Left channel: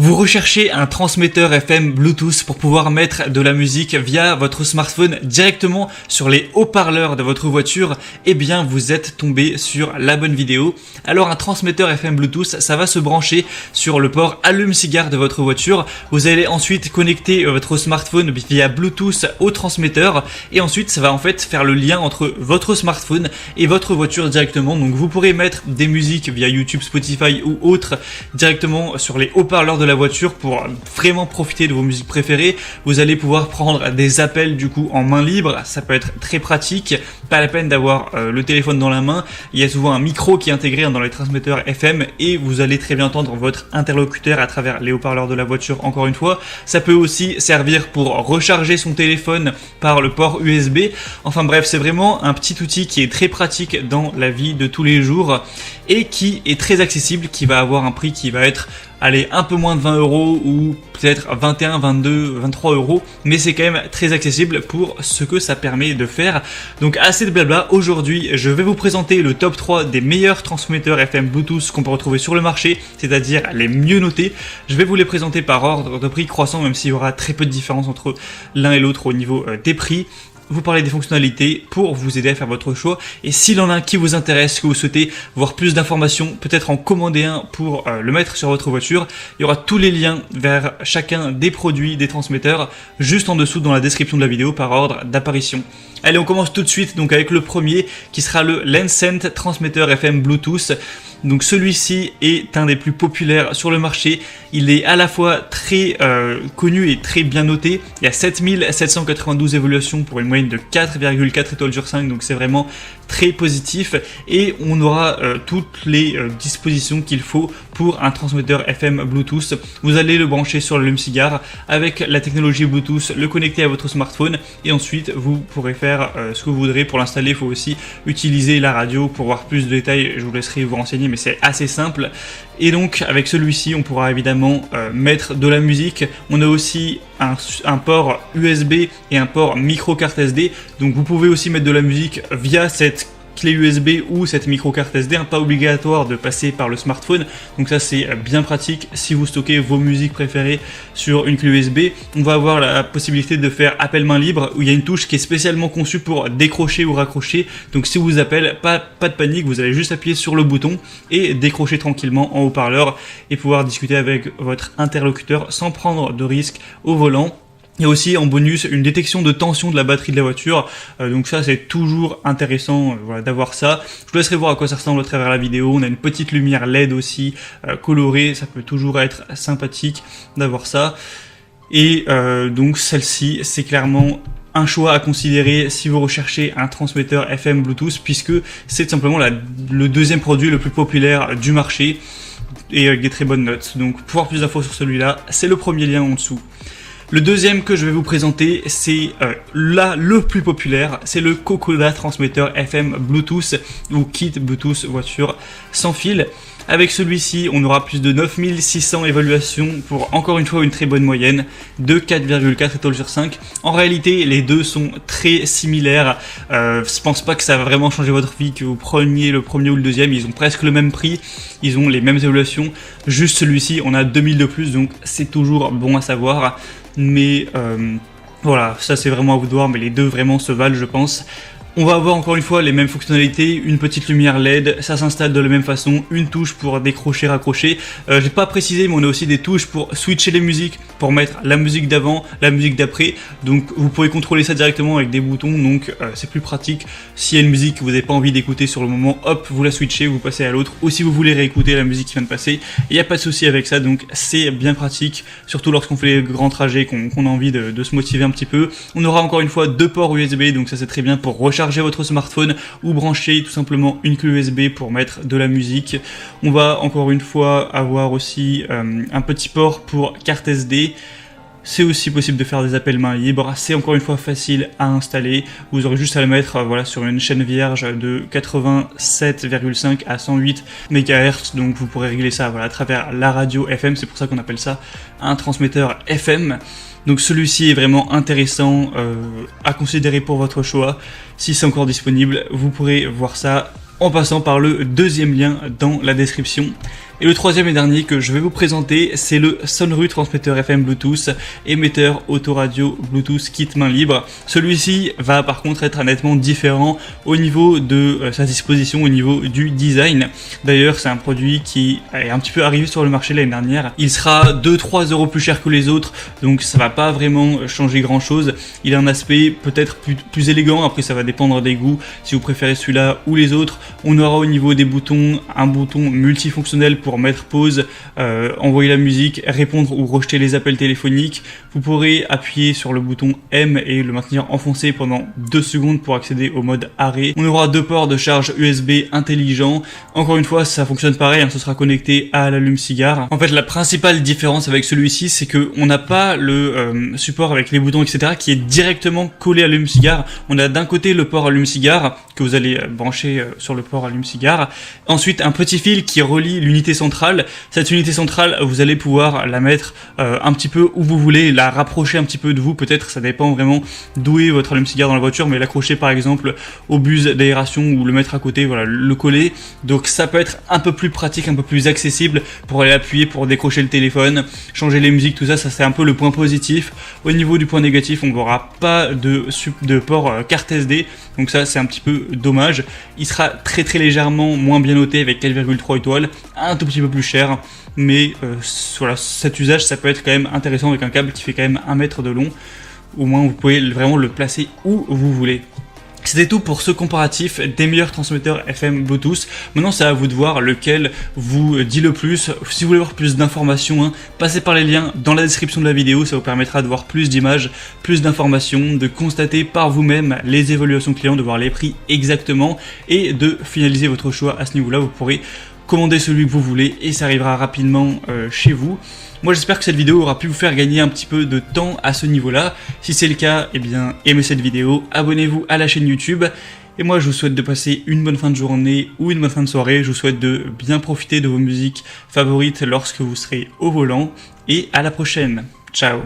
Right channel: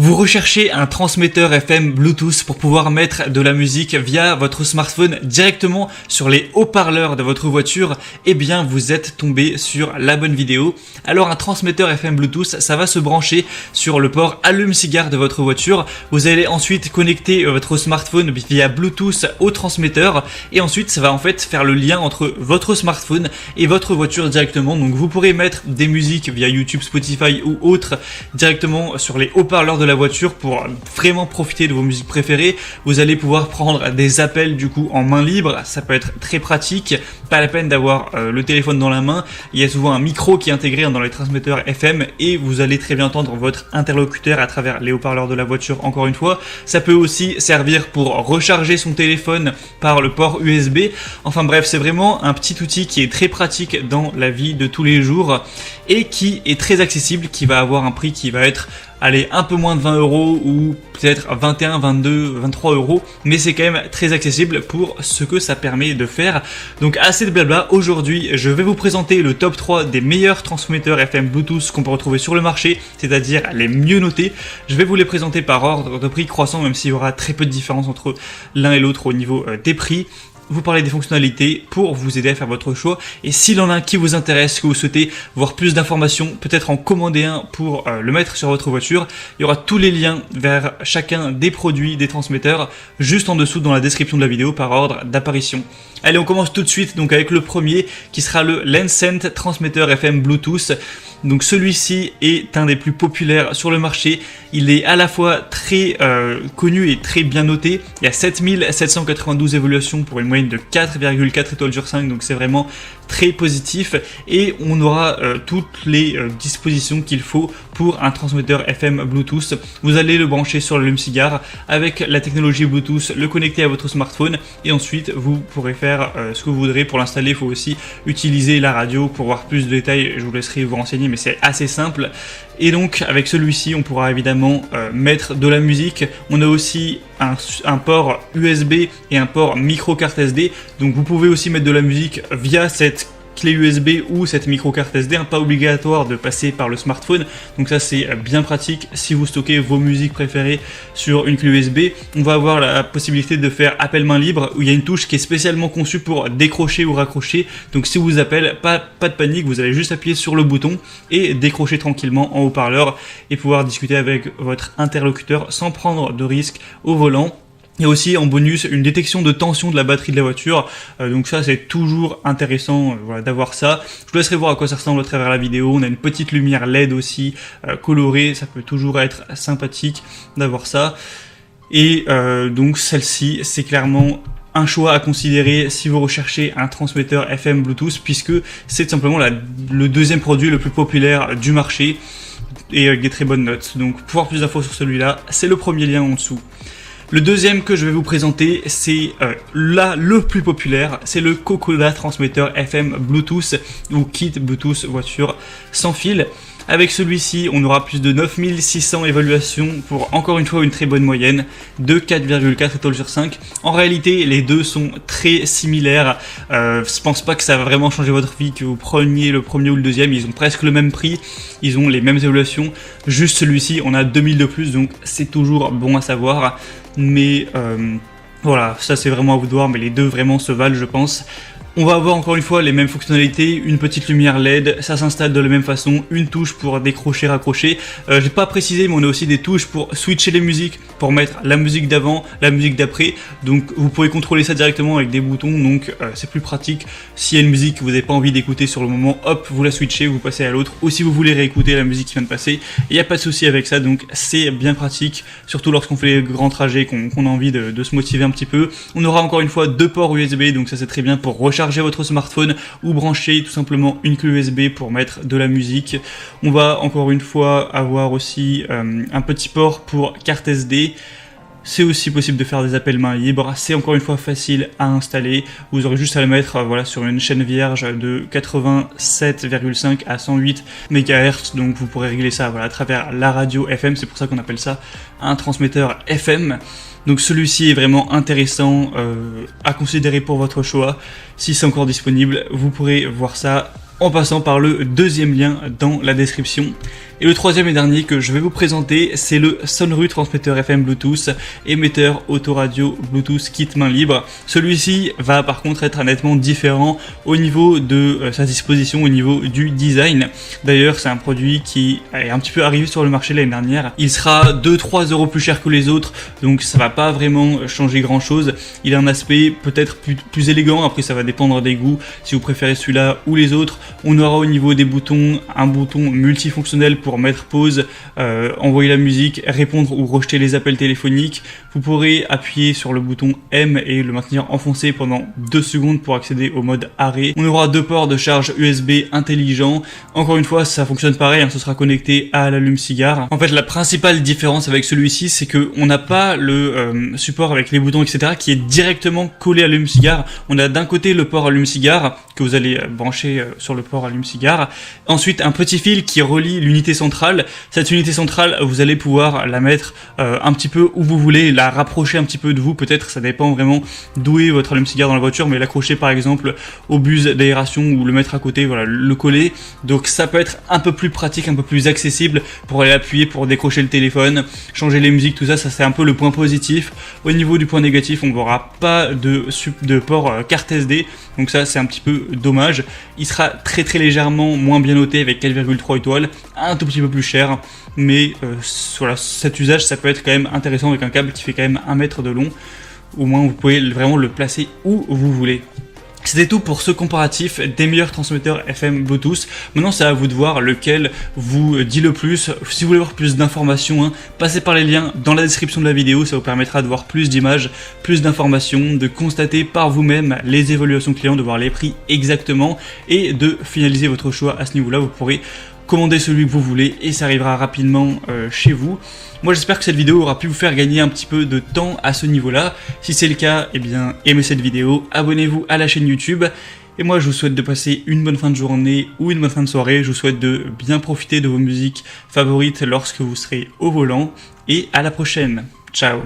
Vous recherchez un transmetteur FM Bluetooth pour pouvoir mettre de la musique via votre smartphone directement sur les haut-parleurs de votre voiture? Eh bien, vous êtes tombé sur la bonne vidéo. Alors, un transmetteur FM Bluetooth, ça va se brancher sur le port allume-cigare de votre voiture. Vous allez ensuite connecter votre smartphone via Bluetooth au transmetteur et ensuite, ça va en fait faire le lien entre votre smartphone et votre voiture directement. Donc, vous pourrez mettre des musiques via YouTube, Spotify ou autres directement sur les haut-parleurs de la voiture pour vraiment profiter de vos musiques préférées. Vous allez pouvoir prendre des appels du coup en main libre, ça peut être très pratique, pas la peine d'avoir le téléphone dans la main. Il y a souvent un micro qui est intégré dans les transmetteurs FM et vous allez très bien entendre votre interlocuteur à travers les haut-parleurs de la voiture. Encore une fois, ça peut aussi servir pour recharger son téléphone par le port USB. Enfin bref, c'est vraiment un petit outil qui est très pratique dans la vie de tous les jours et qui est très accessible, qui va avoir un prix qui va être un peu moins de 20 € ou peut-être 21, 22, 23 €, mais c'est quand même très accessible pour ce que ça permet de faire. Donc assez de blabla, aujourd'hui je vais vous présenter le top 3 des meilleurs transmetteurs FM Bluetooth qu'on peut retrouver sur le marché, c'est-à-dire les mieux notés. Je vais vous les présenter par ordre de prix croissant, même s'il y aura très peu de différence entre l'un et l'autre au niveau des prix. Vous parlez des fonctionnalités pour vous aider à faire votre choix. Et s'il en a un qui vous intéresse, que vous souhaitez voir plus d'informations, peut-être en commander un pour le mettre sur votre voiture, il y aura tous les liens vers chacun des produits, des transmetteurs, juste en dessous dans la description de la vidéo par ordre d'apparition. Allez, on commence tout de suite donc avec le premier qui sera le Lencent transmetteur FM Bluetooth. Donc celui-ci est un des plus populaires sur le marché. Il est à la fois très connu et très bien noté. Il y a 7792 évaluations pour une moyenne de 4,4 étoiles sur 5, donc c'est vraiment très positif. Et on aura toutes les dispositions qu'il faut pour un transmetteur FM Bluetooth. Vous allez le brancher sur l'allume-cigare avec la technologie Bluetooth, le connecter à votre smartphone et ensuite vous pourrez faire ce que vous voudrez. Pour l'installer, il faut aussi utiliser la radio. Pour voir plus de détails, je vous laisserai vous renseigner, mais c'est assez simple. Et donc avec celui-ci, on pourra évidemment mettre de la musique. On a aussi un port USB et un port micro carte SD. Donc vous pouvez aussi mettre de la musique via cette clé USB ou cette micro carte SD, pas obligatoire de passer par le smartphone. Donc ça c'est bien pratique si vous stockez vos musiques préférées sur une clé USB. On va avoir la possibilité de faire appel main libre où il y a une touche qui est spécialement conçue pour décrocher ou raccrocher. Donc si vous appelez, pas de panique, vous allez juste appuyer sur le bouton et décrocher tranquillement en haut-parleur et pouvoir discuter avec votre interlocuteur sans prendre de risque au volant. Il y a aussi en bonus une détection de tension de la batterie de la voiture, donc ça c'est toujours intéressant d'avoir ça. Je vous laisserai voir à quoi ça ressemble à travers la vidéo. On a une petite lumière LED aussi colorée, ça peut toujours être sympathique d'avoir ça. Et donc celle-ci c'est clairement un choix à considérer si vous recherchez un transmetteur FM Bluetooth, puisque c'est tout simplement le deuxième produit le plus populaire du marché et avec des très bonnes notes. Donc pour avoir plus d'infos sur celui-là, c'est le premier lien en dessous. Le deuxième que je vais vous présenter, c'est le plus populaire, c'est le Kokoda transmetteur FM Bluetooth ou kit Bluetooth voiture sans fil. Avec celui-ci, on aura plus de 9600 évaluations pour encore une fois une très bonne moyenne de 4,4 étoiles sur 5. En réalité, les deux sont très similaires. Je pense pas que ça va vraiment changer votre vie que vous preniez le premier ou le deuxième. Ils ont presque le même prix, ils ont les mêmes évaluations. Juste celui-ci, on a 2000 de plus, donc c'est toujours bon à savoir. Mais voilà, ça c'est vraiment à vous de voir, mais les deux vraiment se valent, je pense. On va avoir encore une fois les mêmes fonctionnalités, une petite lumière LED, ça s'installe de la même façon, une touche pour décrocher, raccrocher. J'ai pas précisé, mais on a aussi des touches pour switcher les musiques, pour mettre la musique d'avant, la musique d'après. Donc vous pouvez contrôler ça directement avec des boutons, donc c'est plus pratique. S'il y a une musique que vous n'avez pas envie d'écouter sur le moment, hop, vous la switchez, vous passez à l'autre. Ou si vous voulez réécouter la musique qui vient de passer, il n'y a pas de souci avec ça, donc c'est bien pratique, surtout lorsqu'on fait les grands trajets, qu'on a envie de se motiver un petit peu. On aura encore une fois deux ports USB, donc ça c'est très bien pour recharger votre smartphone ou brancher tout simplement une clé USB pour mettre de la musique. On va encore une fois avoir aussi un petit port pour carte SD. C'est aussi possible de faire des appels main libre. C'est encore une fois facile à installer. Vous aurez juste à le mettre sur une chaîne vierge de 87,5 à 108 MHz. Donc vous pourrez régler ça à travers la radio FM. C'est pour ça qu'on appelle ça un transmetteur FM. Donc celui-ci est vraiment intéressant à considérer pour votre choix. Si c'est encore disponible, vous pourrez voir ça en passant par le deuxième lien dans la description. Et le troisième et dernier que je vais vous présenter, c'est le Sonru transmetteur FM Bluetooth, émetteur autoradio Bluetooth kit main libre. Celui-ci va par contre être nettement différent au niveau de sa disposition, au niveau du design. D'ailleurs, c'est un produit qui est un petit peu arrivé sur le marché l'année dernière. Il sera 2-3 € plus cher que les autres, donc ça va pas vraiment changer grand chose. Il a un aspect peut-être plus élégant, après ça va dépendre des goûts, si vous préférez celui-là ou les autres. On aura au niveau des boutons un bouton multifonctionnel pour mettre pause, envoyer la musique, répondre ou rejeter les appels téléphoniques. Vous pourrez appuyer sur le bouton M et le maintenir enfoncé pendant 2 secondes pour accéder au mode arrêt. On aura 2 ports de charge USB intelligents. Encore une fois, ça fonctionne pareil, ce sera connecté à l'allume-cigare. En fait, la principale différence avec celui-ci, c'est que on n'a pas le support avec les boutons, etc., qui est directement collé à l'allume-cigare. On a d'un côté le port allume-cigare que vous allez brancher sur le port allume-cigare. Ensuite, un petit fil qui relie l'unité centrale. Cette unité centrale, vous allez pouvoir la mettre un petit peu où vous voulez, la rapprocher un petit peu de vous, peut-être, ça dépend vraiment d'où est votre allume-cigare dans la voiture, mais l'accrocher par exemple au bus d'aération ou le mettre à côté, voilà, le coller. Donc ça peut être un peu plus pratique, un peu plus accessible pour aller appuyer, pour décrocher le téléphone, changer les musiques, tout ça, ça c'est un peu le point positif. Au niveau du point négatif, on n'aura pas de port carte SD, donc ça c'est un petit peu dommage. Il sera très légèrement moins bien noté avec 4,3 étoiles, un tout petit peu plus cher, mais voilà, cet usage ça peut être quand même intéressant avec un câble qui fait quand même 1 mètre de long. Au moins vous pouvez vraiment le placer où vous voulez. C'était tout pour ce comparatif des meilleurs transmetteurs FM Bluetooth. Maintenant, c'est à vous de voir lequel vous dit le plus. Si vous voulez voir plus d'informations, passez par les liens dans la description de la vidéo. Ça vous permettra de voir plus d'images, plus d'informations, de constater par vous-même les évolutions clients, de voir les prix exactement et de finaliser votre choix à ce niveau-là. Vous pourrez commander celui que vous voulez et ça arrivera rapidement chez vous. Moi j'espère que cette vidéo aura pu vous faire gagner un petit peu de temps à ce niveau-là. Si c'est le cas, eh bien aimez cette vidéo, abonnez-vous à la chaîne YouTube. Et moi je vous souhaite de passer une bonne fin de journée ou une bonne fin de soirée. Je vous souhaite de bien profiter de vos musiques favorites lorsque vous serez au volant. Et à la prochaine. Ciao.